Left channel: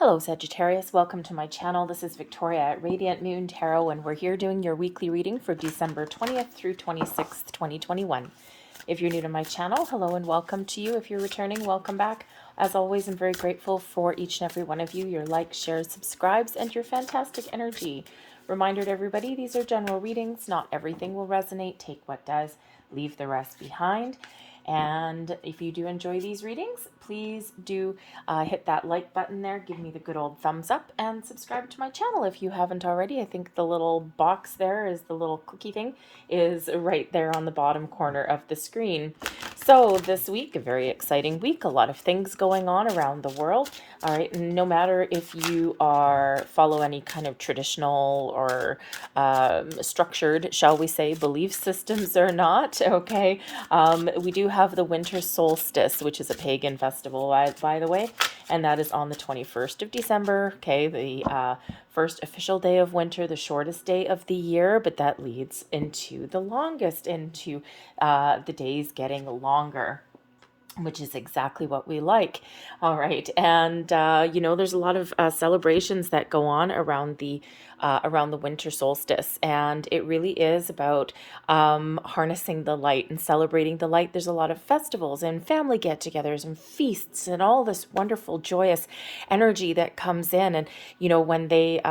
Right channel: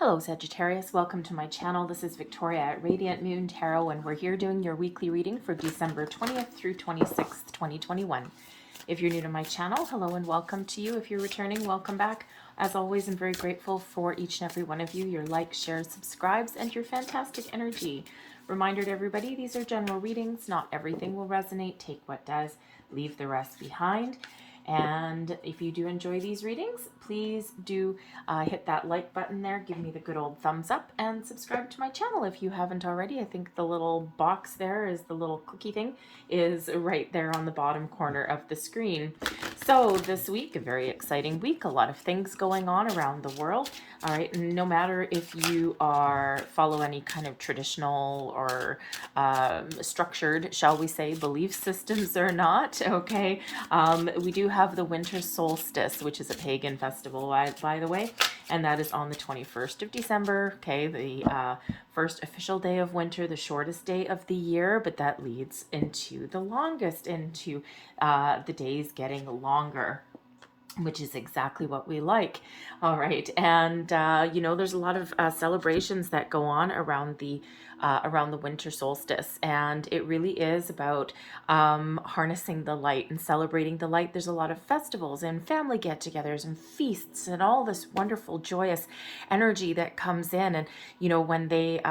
Hello Sagittarius, welcome to my channel. This is Victoria at Radiant Moon Tarot, and we're here doing your weekly reading for December 20th through 26th, 2021. If you're new to my channel, hello and welcome to you. If you're returning, welcome back. As always, I'm very grateful for each and every one of you, your likes, shares, subscribes, and your fantastic energy. Reminder to everybody, these are general readings. Not everything will resonate. Take what does, leave the rest behind. And if you do enjoy these readings, please do hit that like button there, give me the good old thumbs up, and subscribe to my channel if you haven't already. I think the little box there is the little cookie thing is right there on the bottom corner of the screen. So this week, a very exciting week, a lot of things going on around the world. All right, no matter if you follow any kind of traditional or structured, shall we say, belief systems or not, okay, we do have the winter solstice, which is a pagan festival, by the way, and that is on the 21st of December, okay, the first official day of winter, the shortest day of the year, but that leads into the longest, into the days getting longer, which is exactly what we like. All right, and you know, there's a lot of celebrations that go on around the winter solstice, and it really is about harnessing the light and celebrating the light. There's a lot of festivals and family get-togethers and feasts and all this wonderful joyous energy that comes in. And you know, when they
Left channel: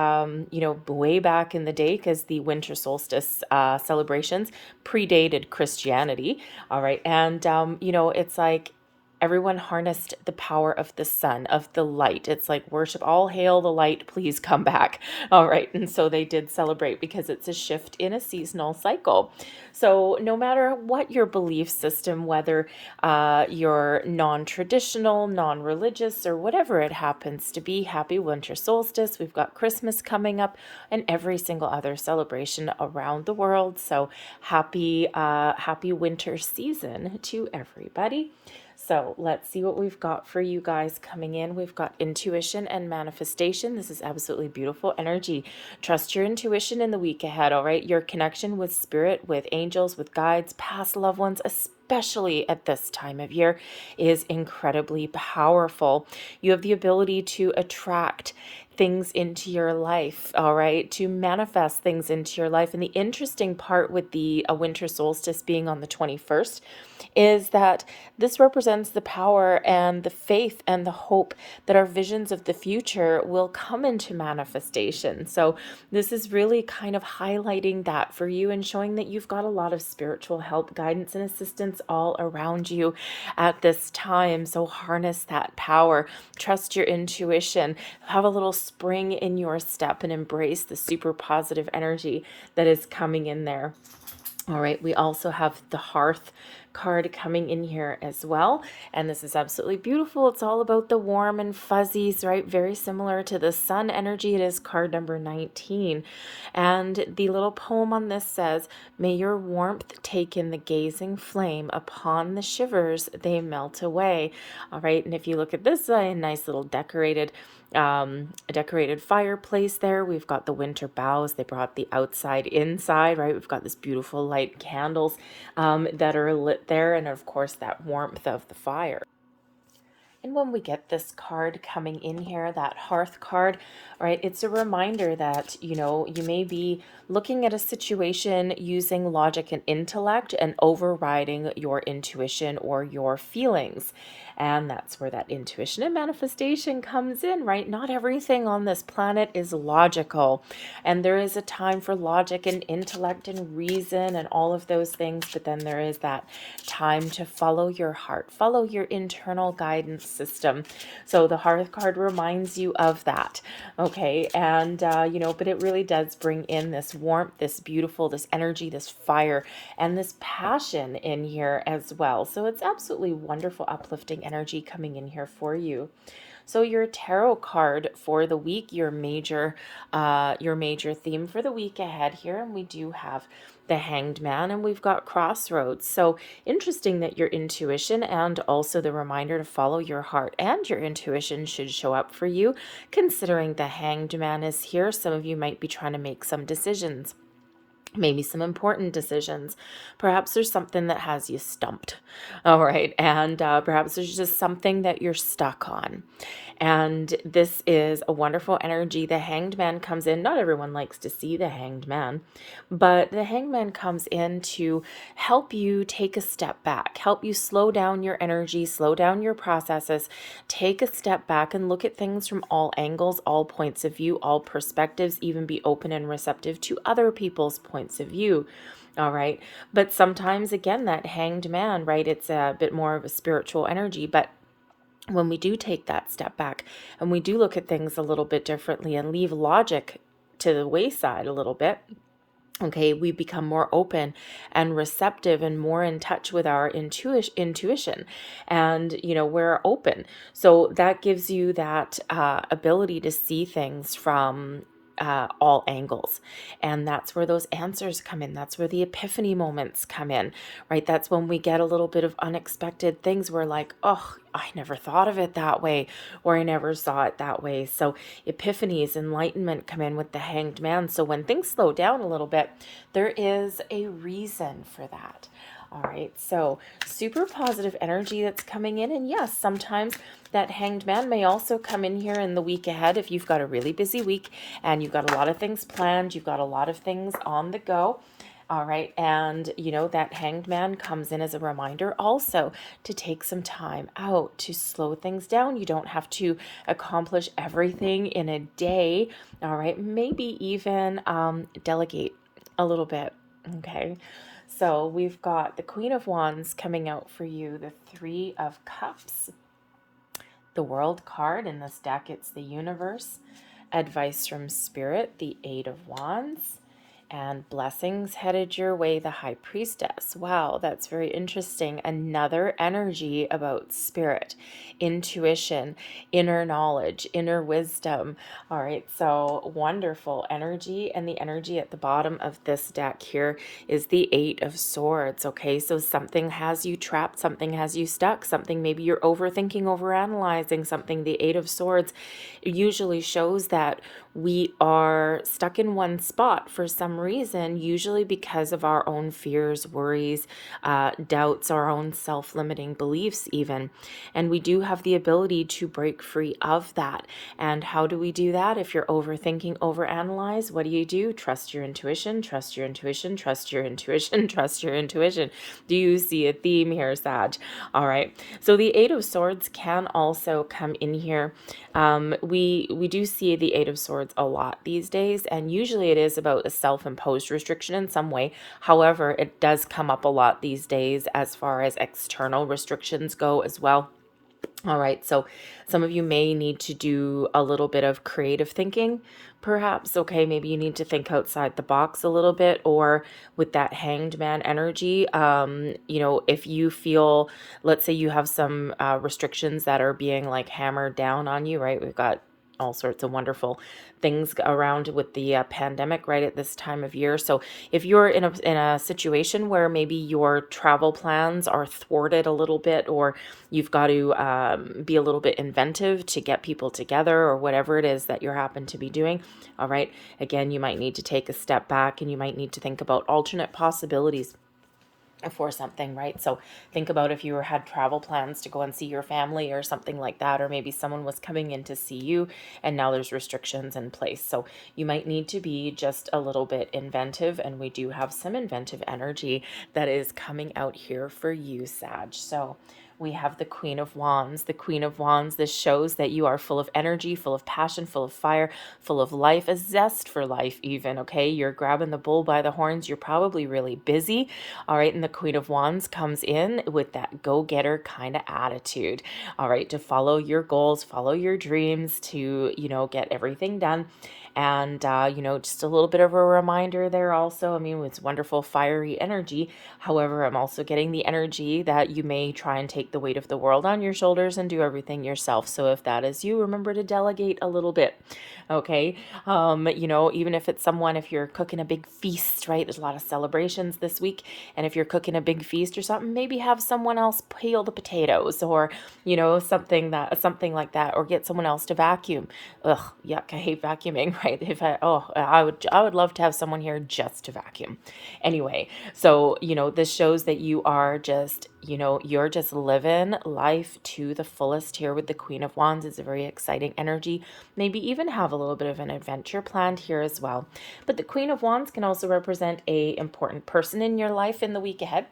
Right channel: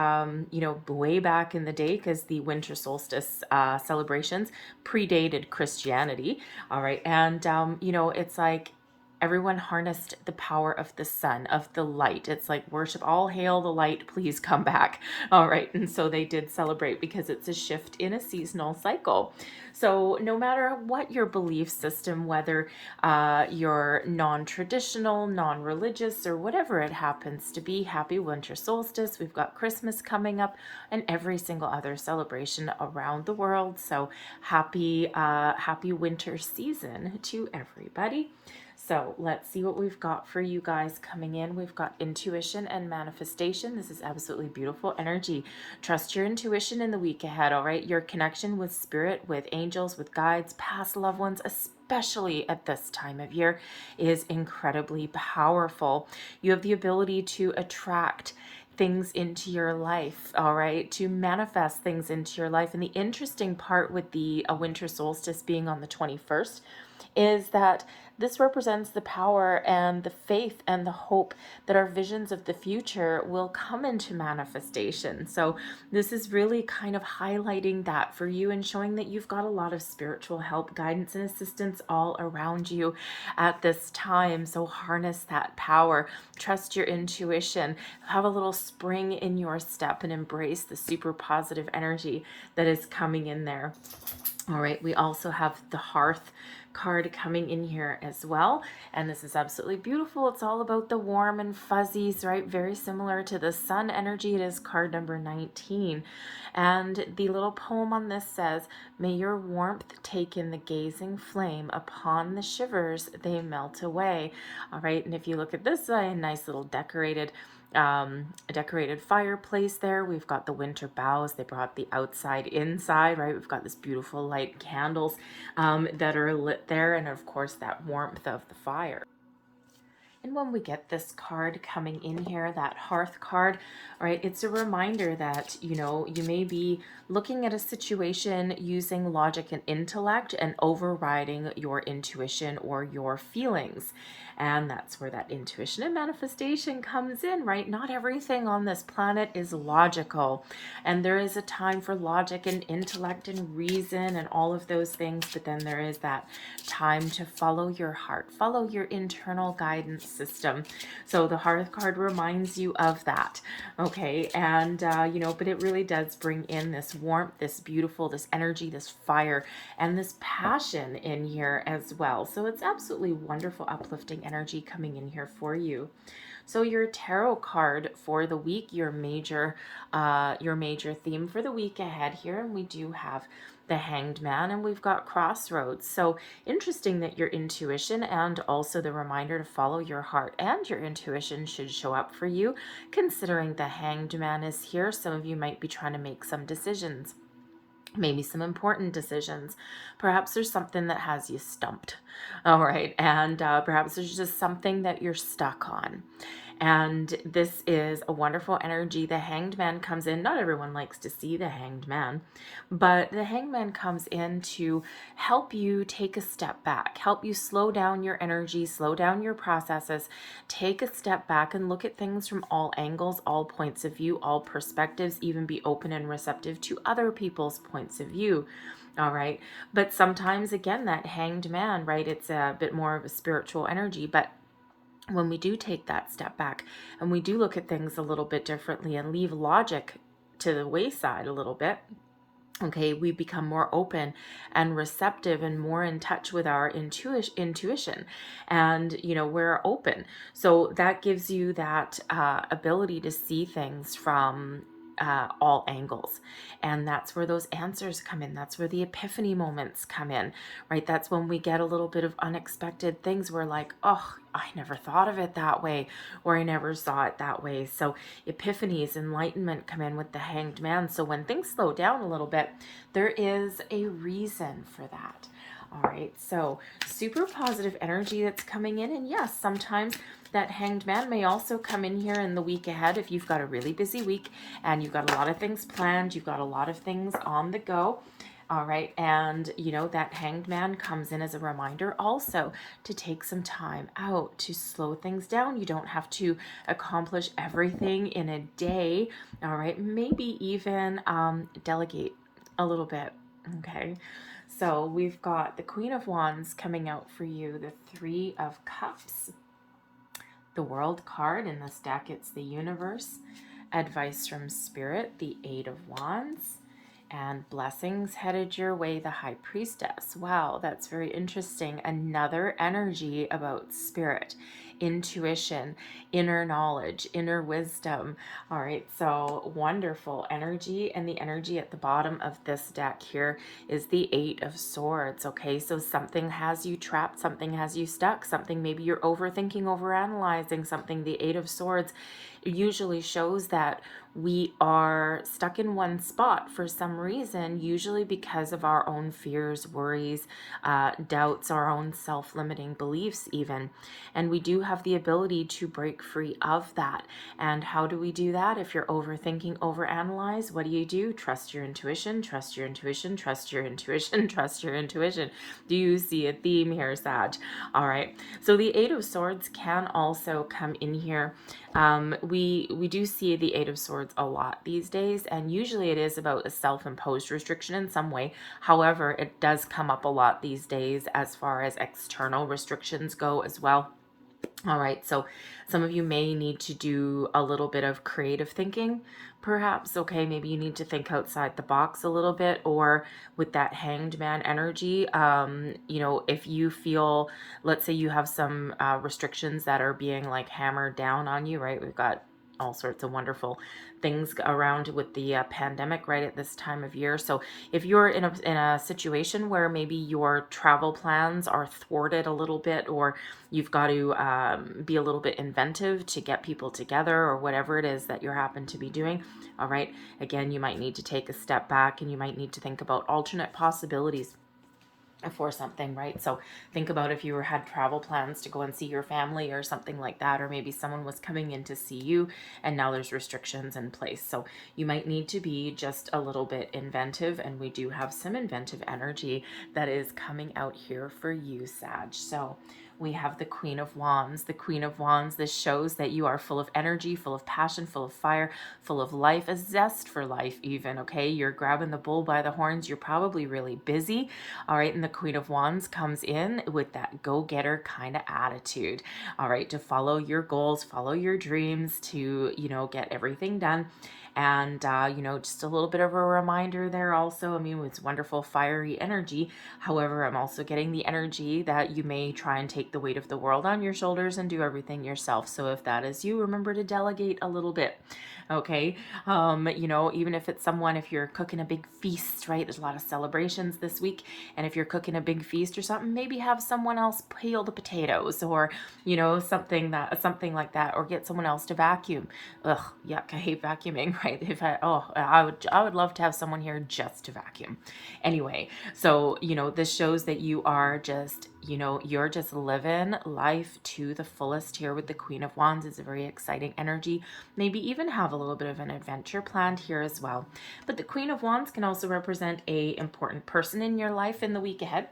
you know, way back in the day, because the winter solstice celebrations predated Christianity, all right, and you know, it's like everyone harnessed the power of the sun, of the light. It's like worship, all hail the light, please come back. All right. And so they did celebrate because it's a shift in a seasonal cycle. So no matter what your belief system, whether you're non-traditional, non-religious, or whatever it happens to be, happy winter solstice. We've got Christmas coming up and every single other celebration around the world. So happy winter season to everybody. So let's see what we've got for you guys coming in. We've got intuition and manifestation. This is absolutely beautiful energy. Trust your intuition in the week ahead, all right? Your connection with spirit, with angels, with guides, past loved ones, especially at this time of year, is incredibly powerful. You have the ability to attract things into your life, all right, to manifest things into your life. And the interesting part with the winter solstice being on the 21st is that this represents the power and the faith and the hope that our visions of the future will come into manifestation. So this is really kind of highlighting that for you and showing that you've got a lot of spiritual help, guidance, and assistance all around you at this time. So harness that power, trust your intuition, have a little spring in your step, and embrace the super positive energy that is coming in there. All right, we also have the Hearth card coming in here as well, and this is absolutely beautiful. It's all about the warm and fuzzies, right? Very similar to the sun energy. It is card number 19, and the little poem on this says, "May your warmth take in the gazing flame, upon the shivers they melt away." All right, and if you look at this, a nice little decorated fireplace there. We've got the winter boughs. They brought the outside inside, right? We've got this beautiful light candles that are lit there, and of course that warmth of the fire. And when we get this card coming in here, that Hearth card, right, it's a reminder that, you know, you may be looking at a situation using logic and intellect and overriding your intuition or your feelings. And that's where that intuition and manifestation comes in, right? Not everything on this planet is logical. And there is a time for logic and intellect and reason and all of those things. But then there is that time to follow your heart, follow your internal guidance system. So the Hearth card reminds you of that. Okay. And, you know, but it really does bring in this warmth, this beautiful, this energy, this fire, and this passion in here as well. So it's absolutely wonderful, uplifting energy coming in here for you. So your tarot card for the week, your major theme for the week ahead here, and we do have the Hanged Man, and we've got Crossroads. So interesting that your intuition and also the reminder to follow your heart and your intuition should show up for you, considering the Hanged Man is here. Some of you might be trying to make some decisions. Maybe some important decisions. Perhaps there's something that has you stumped. All right. And perhaps there's just something that you're stuck on. And this is a wonderful energy. The Hanged Man comes in. Not everyone likes to see the Hanged Man, but the Hanged Man comes in to help you take a step back, help you slow down your energy, slow down your processes, take a step back and look at things from all angles, all points of view, all perspectives, even be open and receptive to other people's points of view. All right. But sometimes, again, that Hanged Man, right, it's a bit more of a spiritual energy, but when we do take that step back and we do look at things a little bit differently and leave logic to the wayside a little bit, okay, we become more open and receptive and more in touch with our intuition, and we're open. So that gives you that ability to see things from all angles, and that's where those answers come in. That's where the epiphany moments come in, right? That's when we get a little bit of unexpected things. We're like, oh, I never thought of it that way, or I never saw it that way. So epiphanies, enlightenment come in with the Hanged Man. So when things slow down a little bit, there is a reason for that. All right, so super positive energy that's coming in. And yes, sometimes that Hanged Man may also come in here in the week ahead if you've got a really busy week and you've got a lot of things planned, you've got a lot of things on the go. All right, and that Hanged Man comes in as a reminder also to take some time out, to slow things down. You don't have to accomplish everything in a day. All right, maybe even delegate a little bit. Okay, so we've got the Queen of Wands coming out for you, the Three of Cups, the World card. In this deck, it's the Universe, advice from Spirit, the Eight of Wands, and blessings headed your way, the High Priestess. Wow, that's very interesting. Another energy about spirit, intuition, inner knowledge, inner wisdom. All right, so wonderful energy. And the energy at the bottom of this deck here is the Eight of Swords. Okay, so something has you trapped, something has you stuck, something maybe you're overthinking, overanalyzing something. The Eight of Swords usually shows that we are stuck in one spot for some reason, usually because of our own fears, worries, doubts, our own self-limiting beliefs even. And we do have the ability to break free of that. And how do we do that? If you're overthinking, overanalyze, what do? Trust your intuition, trust your intuition, trust your intuition, trust your intuition. Do you see a theme here, Sag? All right. So the Eight of Swords can also come in here. We do see the Eight of Swords a lot these days, and usually it is about a self-imposed restriction in some way. However, it does come up a lot these days as far as external restrictions go as well. All right, so some of you may need to do a little bit of creative thinking, perhaps. Okay, maybe you need to think outside the box a little bit, or with that Hanged Man energy, if you feel, let's say you have some restrictions that are being like hammered down on you, right? We've got all sorts of wonderful things around with the pandemic right at this time of year. So if you're in a situation where maybe your travel plans are thwarted a little bit, or you've got to be a little bit inventive to get people together, or whatever it is that you happen to be doing, all right, again, you might need to take a step back and you might need to think about alternate possibilities for something, right? So think about if you had travel plans to go and see your family or something like that, or maybe someone was coming in to see you and now there's restrictions in place. So you might need to be just a little bit inventive, and we do have some inventive energy that is coming out here for you, Sag. So we have the Queen of Wands. The Queen of Wands, this shows that you are full of energy, full of passion, full of fire, full of life, a zest for life even, okay? You're grabbing the bull by the horns. You're probably really busy, all right? And the Queen of Wands comes in with that go-getter kind of attitude, all right, to follow your goals, follow your dreams, to, get everything done. And, just a little bit of a reminder there also. I mean, it's wonderful, fiery energy. However, I'm also getting the energy that you may try and take the weight of the world on your shoulders and do everything yourself. So if that is you, remember to delegate a little bit. Okay. Even if it's someone, if you're cooking a big feast, right? There's a lot of celebrations this week. And if you're cooking a big feast or something, maybe have someone else peel the potatoes, or, something like that, or get someone else to vacuum. Ugh, yuck, I hate vacuuming, right? right? If I would love to have someone here just to vacuum. Anyway, so, this shows that you are just, you're just living life to the fullest here with the Queen of Wands. It's a very exciting energy. Maybe even have a little bit of an adventure planned here as well. But the Queen of Wands can also represent a important person in your life in the week ahead.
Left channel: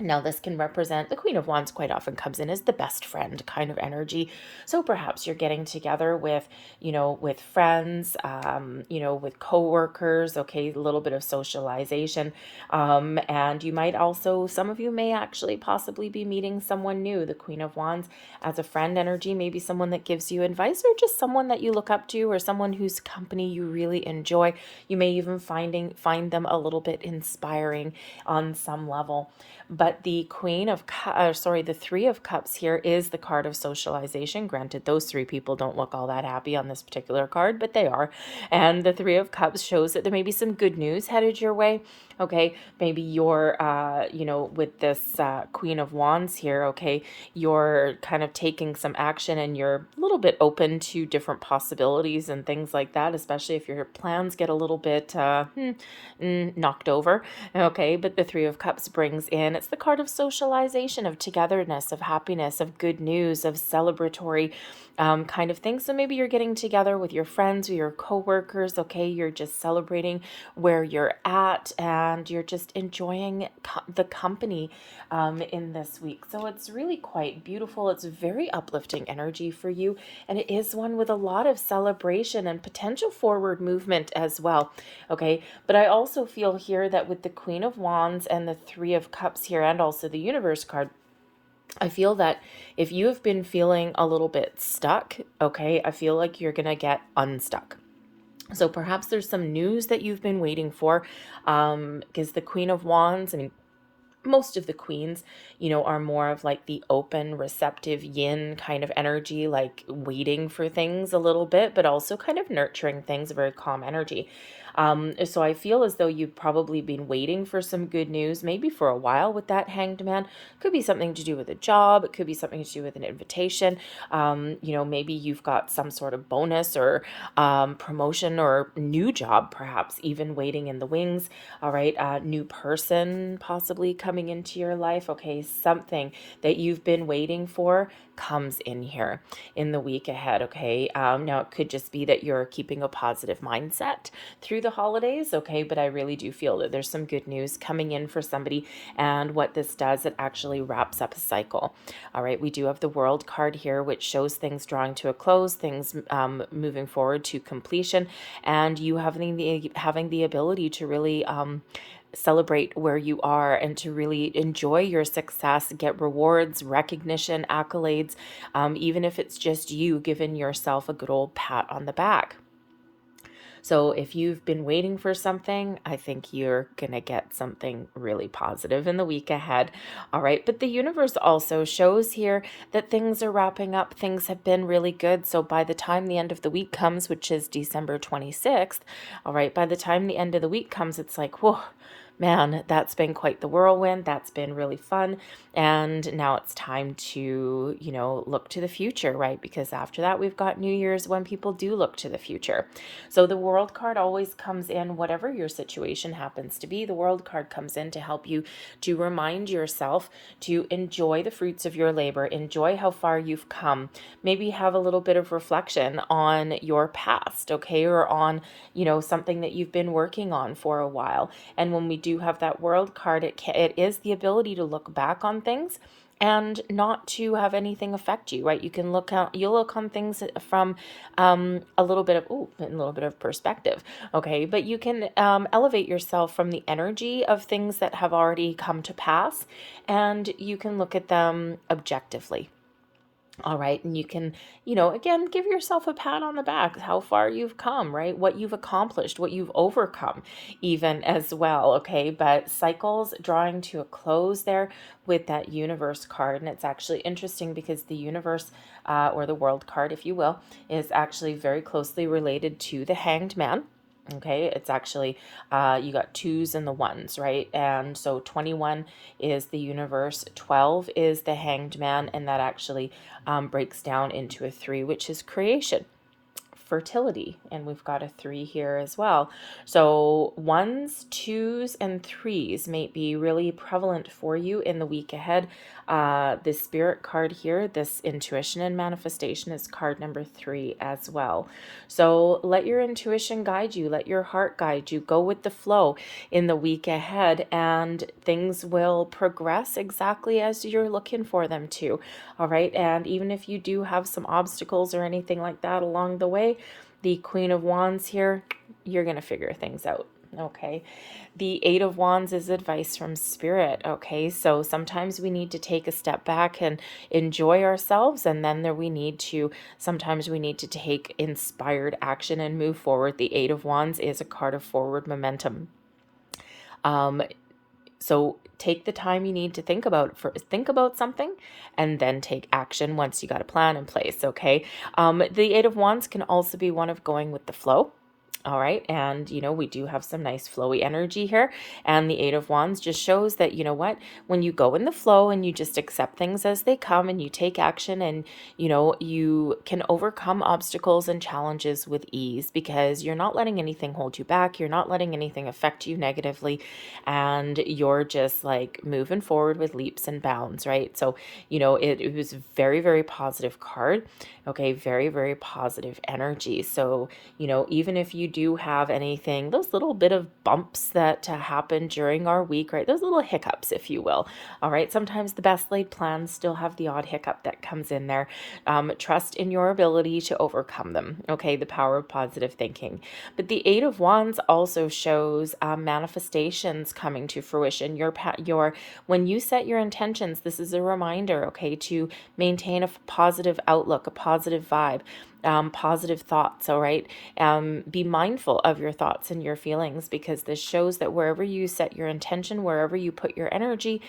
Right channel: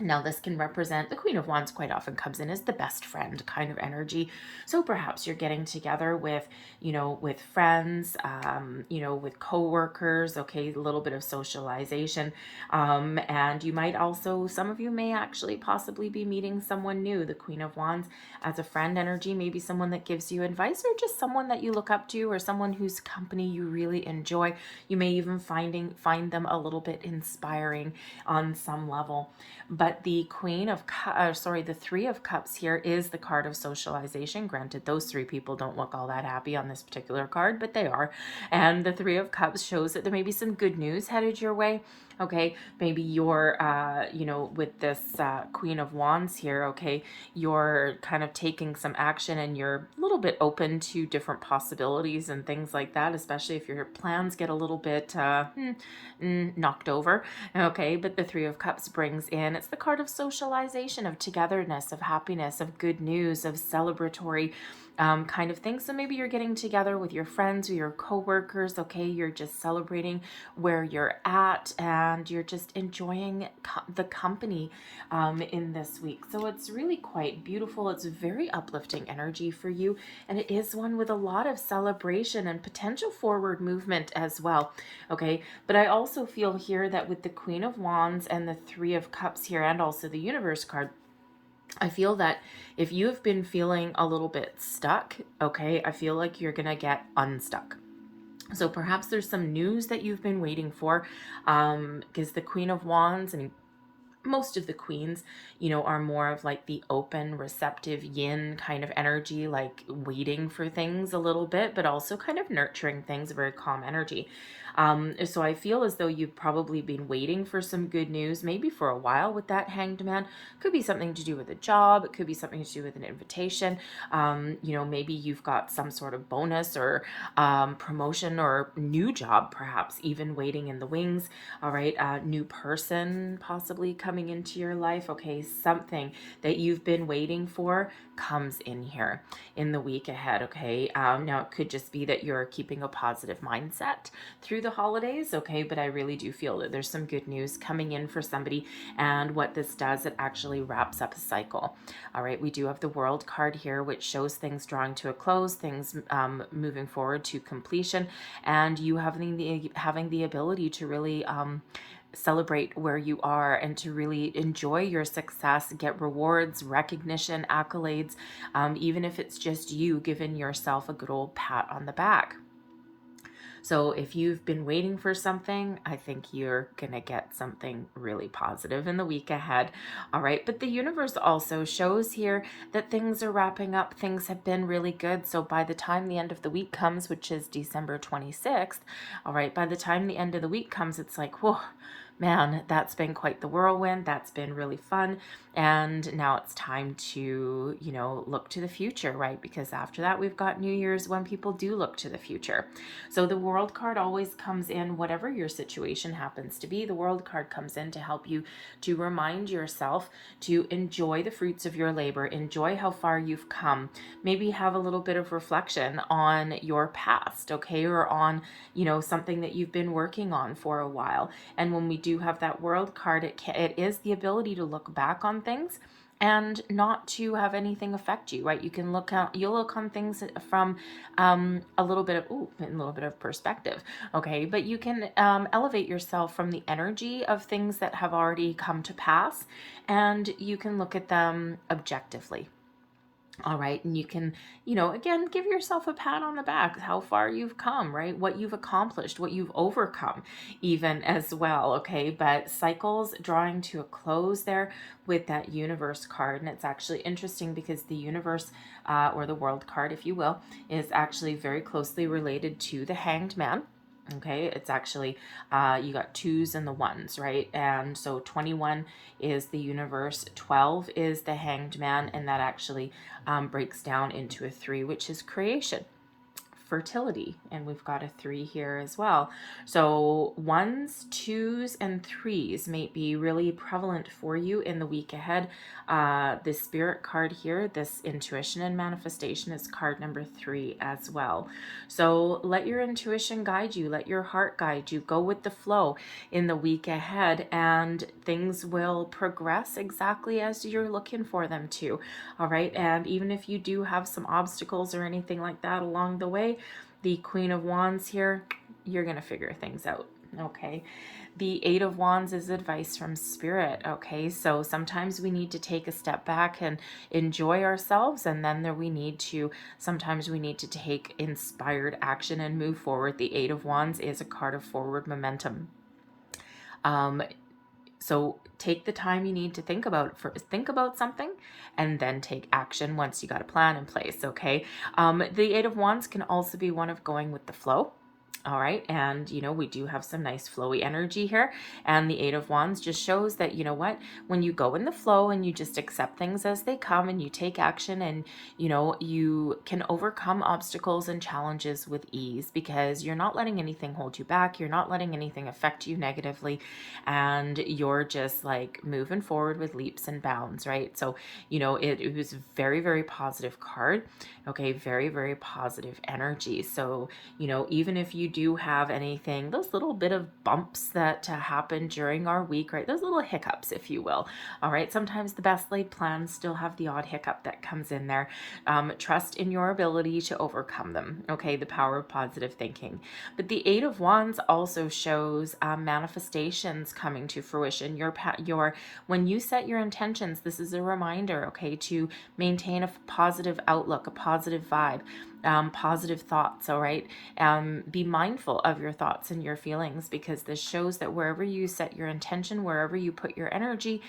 Now, this can represent, the Queen of Wands quite often comes in as the best friend kind of energy. So perhaps you're getting together with, with friends, with coworkers, okay, a little bit of socialization. And you might also, some of you may actually possibly be meeting someone new. The Queen of Wands as a friend energy, maybe someone that gives you advice, or just someone that you look up to, or someone whose company you really enjoy. You may even find them a little bit inspiring on some level. But the the Three of Cups here is the card of socialization. Granted, those three people don't look all that happy on this particular card, but they are. And the Three of Cups shows that there may be some good news headed your way. Okay, maybe you're, with this Queen of Wands here, okay, you're kind of taking some action and you're a little bit open to different possibilities and things like that, especially if your plans get a little bit knocked over. Okay, but the Three of Cups brings in, it's the card of socialization, of togetherness, of happiness, of good news, of celebratory kind of thing. So maybe you're getting together with your friends or your coworkers, okay, you're just celebrating where you're at and you're just enjoying the company in this week. So it's really quite beautiful. It's very uplifting energy for you, and it is one with a lot of celebration and potential forward movement as well. Okay, but I also feel here that with the Queen of Wands and the Three of Cups here, and also the Universe card, I feel that if you have been feeling a little bit stuck, okay, I feel like you're going to get unstuck. So perhaps there's some news that you've been waiting for, because the Queen of Wands, and most of the queens, are more of like the open, receptive yin kind of energy, like waiting for things a little bit, but also kind of nurturing things, a very calm energy. So I feel as though you've probably been waiting for some good news, maybe for a while with that Hanged Man. Could be something to do with a job. It could be something to do with an invitation. Maybe you've got some sort of bonus or promotion or new job, perhaps even waiting in the wings. All right. New person possibly coming into your life. Okay. Something that you've been waiting for comes in here in the week ahead. Okay. Now it could just be that you're keeping a positive mindset through the holidays. Okay. But I really do feel that there's some good news coming in for somebody. And what this does, it actually wraps up a cycle. All right. We do have the World card here, which shows things drawing to a close, things moving forward to completion, and you having the ability to really celebrate where you are and to really enjoy your success, get rewards, recognition, accolades, even if it's just you giving yourself a good old pat on the back. So if you've been waiting for something, I think you're going to get something really positive in the week ahead. All right. But the universe also shows here that things are wrapping up. Things have been really good. So by the time the end of the week comes, which is December 26th, all right, by the time the end of the week comes, it's like, whoa, man, that's been quite the whirlwind. That's been really fun. And now it's time to, look to the future, right? Because after that, we've got New Year's when people do look to the future. So the World card always comes in, whatever your situation happens to be. The World card comes in to help you to remind yourself to enjoy the fruits of your labor, enjoy how far you've come, maybe have a little bit of reflection on your past, okay? Or on, something that you've been working on for a while. And when we do have that World card, it is the ability to look back on things and not to have anything affect you, right? You'll look on things from a little bit of perspective, okay? But you can elevate yourself from the energy of things that have already come to pass, and you can look at them objectively. All right. And you can, again, give yourself a pat on the back, how far you've come, right? What you've accomplished, what you've overcome, even as well. Okay. But cycles drawing to a close there with that Universe card. And it's actually interesting because the Universe, or the World card, if you will, is actually very closely related to the Hanged Man. Okay, it's actually, you got twos and the ones, right? And so 21 is the Universe, 12 is the Hanged Man, and that actually breaks down into a 3, which is creation. fertility, and we've got a 3 here as well. So 1s, 2s, and 3s may be really prevalent for you in the week ahead. The spirit card here, this intuition and manifestation, is card number 3 as well. So let your intuition guide you, let your heart guide you, go with the flow in the week ahead, and things will progress exactly as you're looking for them to. All right, and even if you do have some obstacles or anything like that along the way, the Queen of Wands here, you're going to figure things out. Okay. The 8 of Wands is advice from Spirit. Okay, so sometimes we need to take a step back and enjoy ourselves, and then sometimes we need to take inspired action and move forward. The 8 of Wands is a card of forward momentum. So take the time you need to think about something, and then take action once you got a plan in place. Okay. The 8 of Wands can also be one of going with the flow. All right. And, we do have some nice flowy energy here. And the 8 of Wands just shows that, when you go in the flow and you just accept things as they come and you take action, and, you can overcome obstacles and challenges with ease, because you're not letting anything hold you back. You're not letting anything affect you negatively. And you're just like moving forward with leaps and bounds, right? So, it was a very, very positive card. Okay. Very, very positive energy. So, even if you do have anything, those little bit of bumps that happen during our week, right? Those little hiccups, if you will. All right. Sometimes the best laid plans still have the odd hiccup that comes in there. Trust in your ability to overcome them. Okay. The power of positive thinking. But the 8 of Wands also shows manifestations coming to fruition. When you set your intentions, this is a reminder, okay, to maintain a positive outlook, a positive vibe. Positive thoughts. All right. Be mindful of your thoughts and your feelings, because this shows that wherever you set your intention, wherever you put your energy,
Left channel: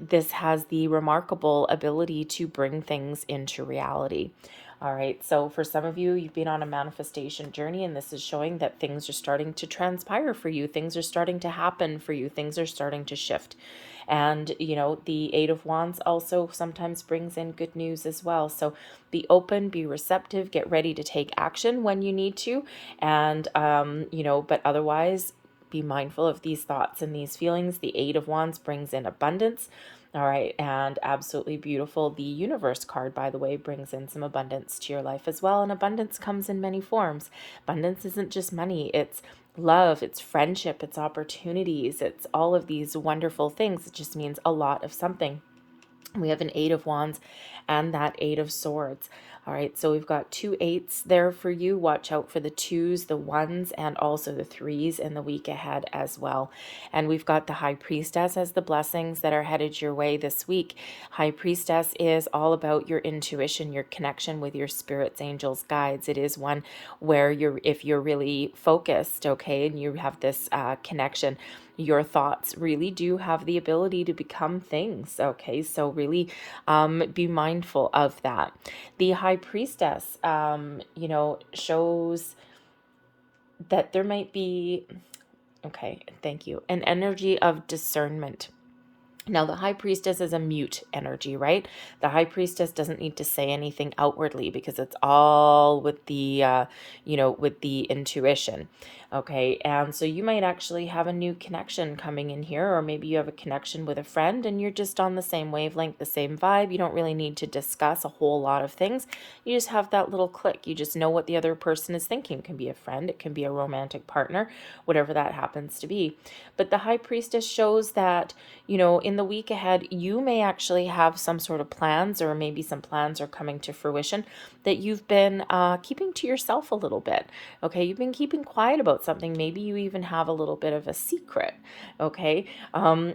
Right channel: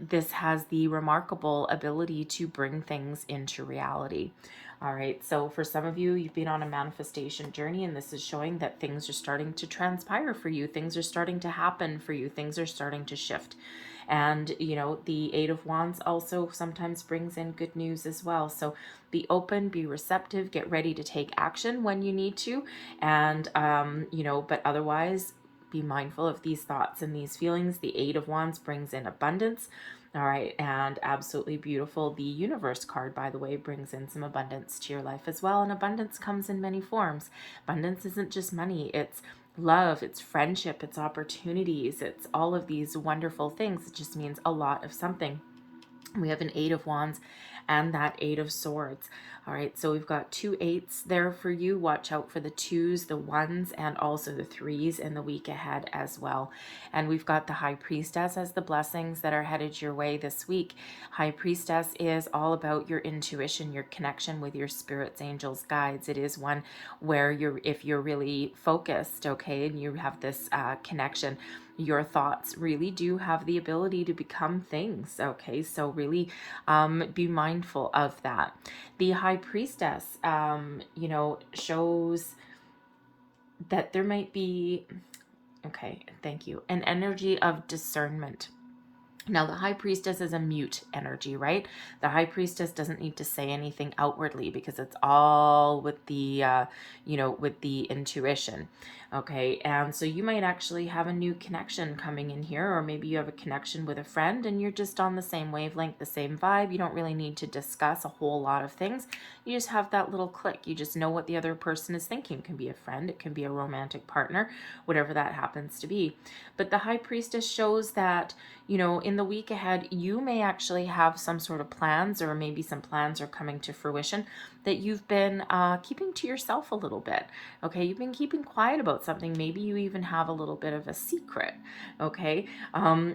this has the remarkable ability to bring things into reality. All right. So for some of you, you've been on a manifestation journey, and this is showing that things are starting to transpire for you. Things are starting to happen for you. Things are starting to shift. And, the 8 of Wands also sometimes brings in good news as well. So be open, be receptive, get ready to take action when you need to. And, but otherwise, be mindful of these thoughts and these feelings. The 8 of Wands brings in abundance. All right. And absolutely beautiful. The Universe card, by the way, brings in some abundance to your life as well. And abundance comes in many forms. Abundance isn't just money. It's love, it's friendship, it's opportunities, it's all of these wonderful things. It just means a lot of something. We have an 8 of Wands and that 8 of Swords. All right, so we've got 2 8s there for you. Watch out for the 2s, the 1s, and also the 3s in the week ahead as well. And we've got the High Priestess as the blessings that are headed your way this week. High Priestess is all about your intuition, your connection with your spirits, angels, guides. It is one where if you're really focused, okay, and you have this connection, your thoughts really do have the ability to become things. Okay, so really be mindful of that. The High Priestess, shows that there might be, okay, thank you, an energy of discernment. Now, the High Priestess is a mute energy, right? The High Priestess doesn't need to say anything outwardly, because it's all with the, with the intuition. Okay, and so you might actually have a new connection coming in here, or maybe you have a connection with a friend and you're just on the same wavelength, the same vibe. You don't really need to discuss a whole lot of things. You just have that little click. You just know what the other person is thinking. It can be a friend, it can be a romantic partner, whatever that happens to be. But the High Priestess shows that, in the week ahead, you may actually have some sort of plans, or maybe some plans are coming to fruition that you've been keeping to yourself a little bit. Okay, you've been keeping quiet about something. Maybe you even have a little bit of a secret. Okay,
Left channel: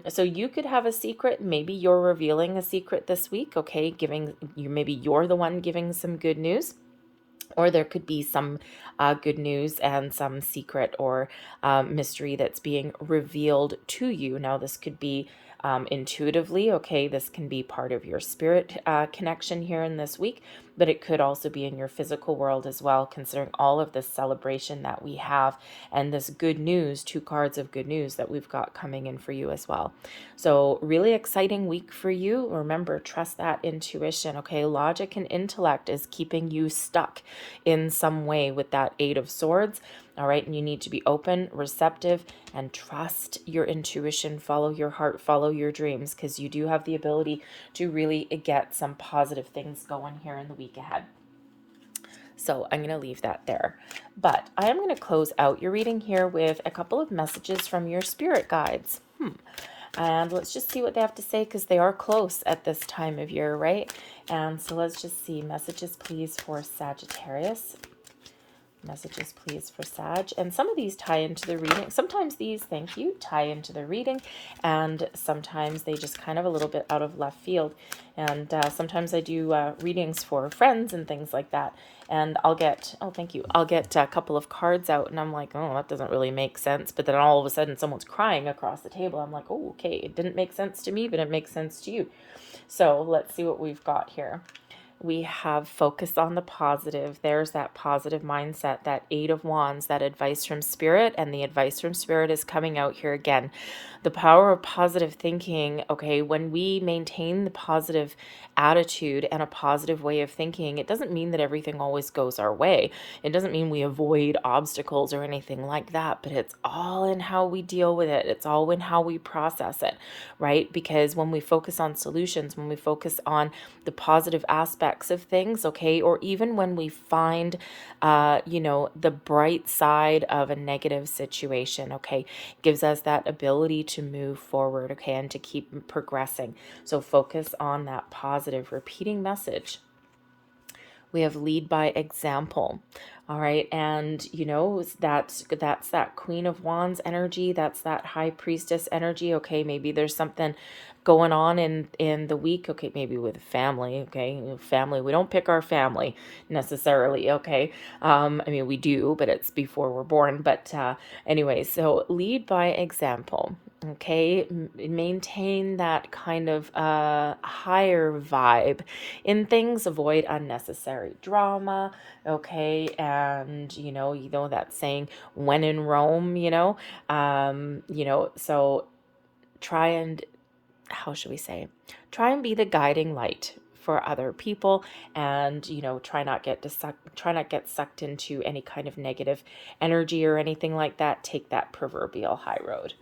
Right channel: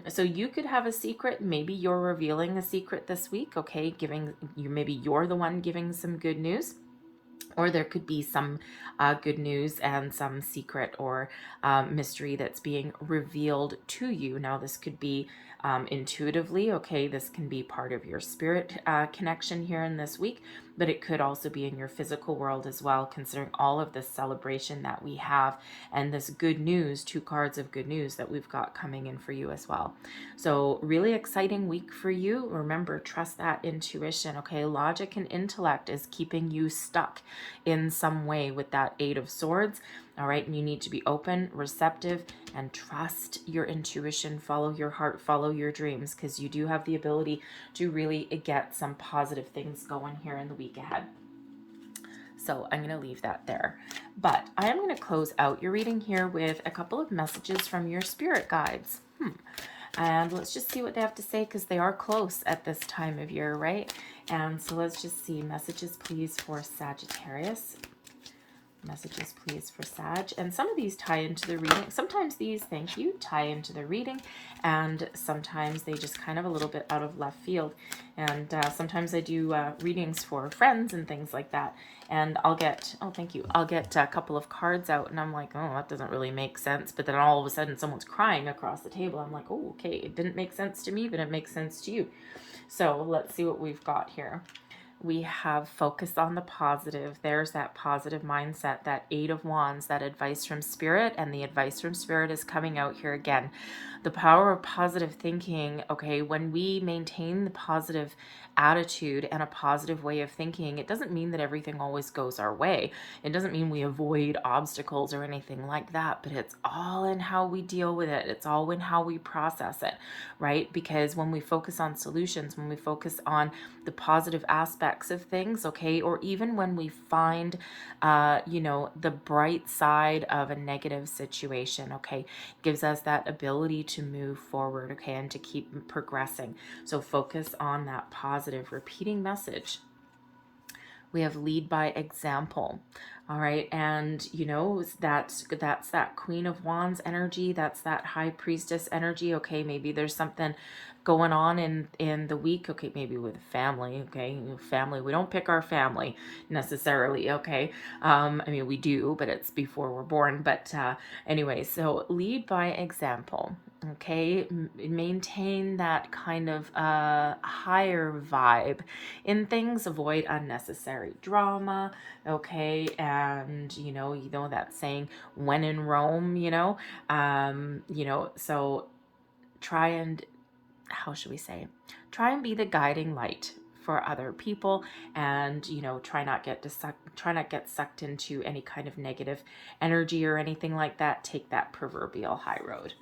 so you could have a secret. Maybe you're revealing a secret this week. Okay, maybe you're the one giving some good news. Or there could be some good news and some secret or mystery that's being revealed to you. Now, this could be intuitively, okay, this can be part of your spirit connection here in this week. but it could also be in your physical world as well, considering all of this celebration that we have and this good news, 2 cards of good news that we've got coming in for you as well. So really exciting week for you. Remember, trust that intuition, okay? Logic and intellect is keeping you stuck in some way with that 8 of Swords. All right, and you need to be open, receptive, and trust your intuition, follow your heart, follow your dreams, because you do have the ability to really get some positive things going here in the week ahead. So I'm going to leave that there. But I am going to close out your reading here with a couple of messages from your spirit guides. And let's just see what they have to say, because they are close at this time of year, right? And so let's just see. Messages, please, for Sagittarius. Messages, please, for Sag. And some of these tie into the reading. Sometimes these, thank you, tie into the reading, and sometimes they just kind of a little bit out of left field. And sometimes I do readings for friends and things like that. And I'll get, oh, thank you, I'll get a couple of cards out, and I'm like, oh, that doesn't really make sense. But then all of a sudden someone's crying across the table. I'm like, oh, okay, it didn't make sense to me, but it makes sense to you. So let's see what we've got here. We have focus on the positive. There's that positive mindset, that 8 of Wands, that advice from Spirit, and the advice from Spirit is coming out here again. The power of positive thinking, okay, when we maintain the positive attitude and a positive way of thinking, it doesn't mean that everything always goes our way. It doesn't mean we avoid obstacles or anything like that, but it's all in how we deal with it. It's all in how we process it, right? Because when we focus on solutions, when we focus on the positive aspects of things, okay, or even when we find, the bright side of a negative situation, okay, gives us that ability to move forward, okay, and to keep progressing. So focus on that positive repeating message. We have lead by example. All right, and that's that Queen of Wands energy, that's that High Priestess energy. Okay, maybe there's something going on in the week, okay, maybe with family, okay, family, we don't pick our family necessarily, okay, I mean, we do, but it's before we're born. But anyway, so lead by example, okay, maintain that kind of higher vibe in things, avoid unnecessary drama, okay, and that saying, when in Rome, so try and, how should we say, try and be the guiding light for other people, and try not get sucked into any kind of negative energy or anything like that. Take that proverbial high road.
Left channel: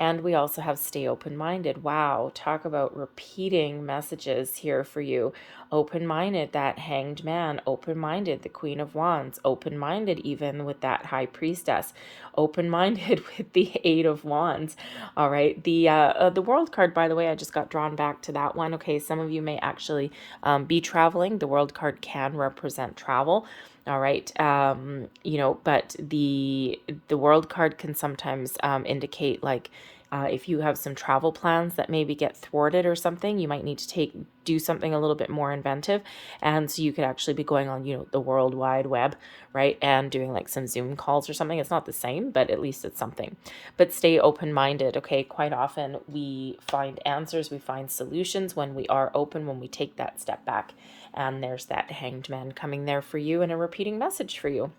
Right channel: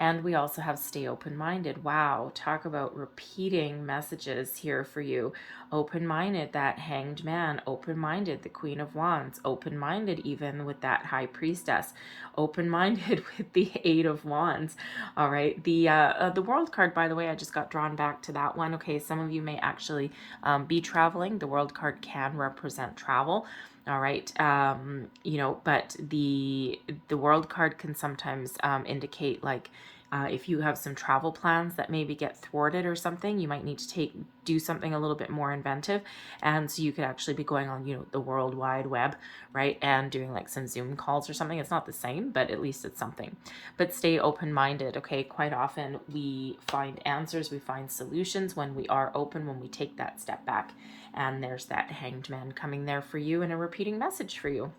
And we also have stay open-minded. Wow, talk about repeating messages here for you. Open-minded, that Hanged Man. Open-minded, the Queen of Wands. Open-minded even with that High Priestess. Open-minded with the 8 of Wands. All right, the World card, by the way, I just got drawn back to that one. Okay, some of you may actually be traveling. The World card can represent travel. All right, but the World card can sometimes indicate, like, if you have some travel plans that maybe get thwarted or something, you might need to do something a little bit more inventive. And so you could actually be going on, the World Wide Web, right? And doing like some Zoom calls or something. It's not the same, but at least it's something. But stay open-minded, okay? Quite often we find answers, we find solutions when we are open, when we take that step back. And there's that Hanged Man coming there for you, and a repeating message for you.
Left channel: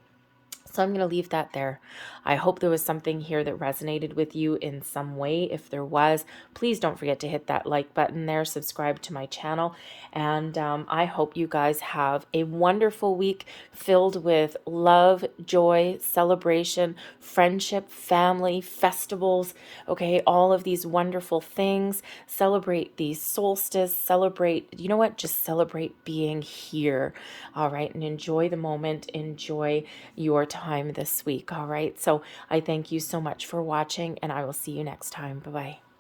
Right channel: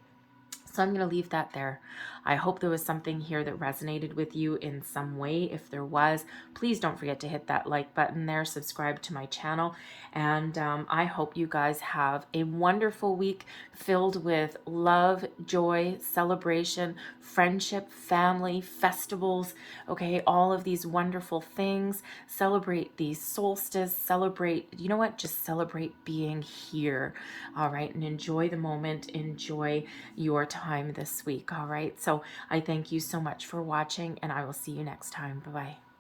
So I'm going to leave that there. I hope there was something here that resonated with you in some way. If there was, please don't forget to hit that like button there, subscribe to my channel, and I hope you guys have a wonderful week filled with love, joy, celebration, friendship, family, festivals, okay, all of these wonderful things. Celebrate the solstice, celebrate, just celebrate being here, all right, and enjoy the moment, enjoy your time this week, all right? So I thank you so much for watching, and I will see you next time. Bye-bye.